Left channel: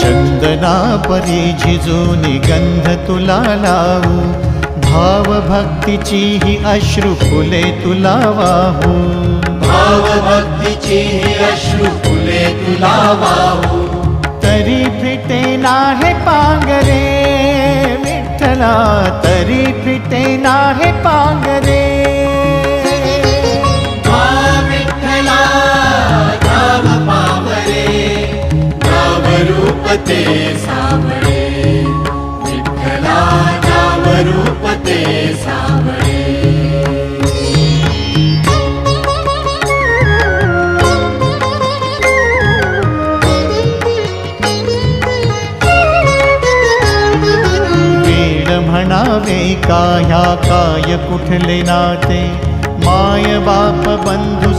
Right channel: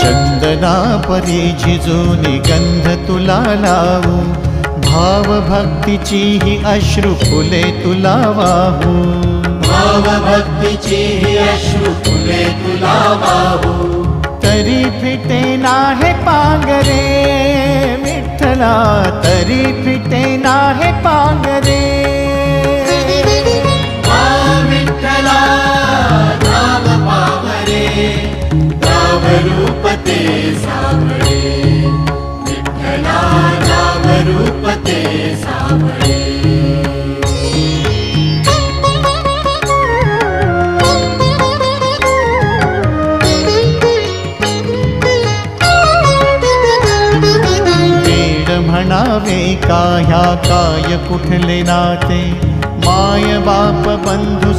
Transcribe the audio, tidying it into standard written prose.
चंदना परी झिजूनी गंध तुला लावू, भाव भक्तीची ही अश्रु फुले तुला वाहू, भाव भक्तीची ही अश्रु फुले तुला वाहू। तरी फिटे नाहे पांगरे विठ्ठला, तरी फिटे नाहे पांगरे। विठ्ठला नाव पावरे, नाव रूप ते सावळे, विठ्ठला नाव रूप ते सावळे। म्हणावे का ह्या काय कुठले नाते, माय बाप बंधू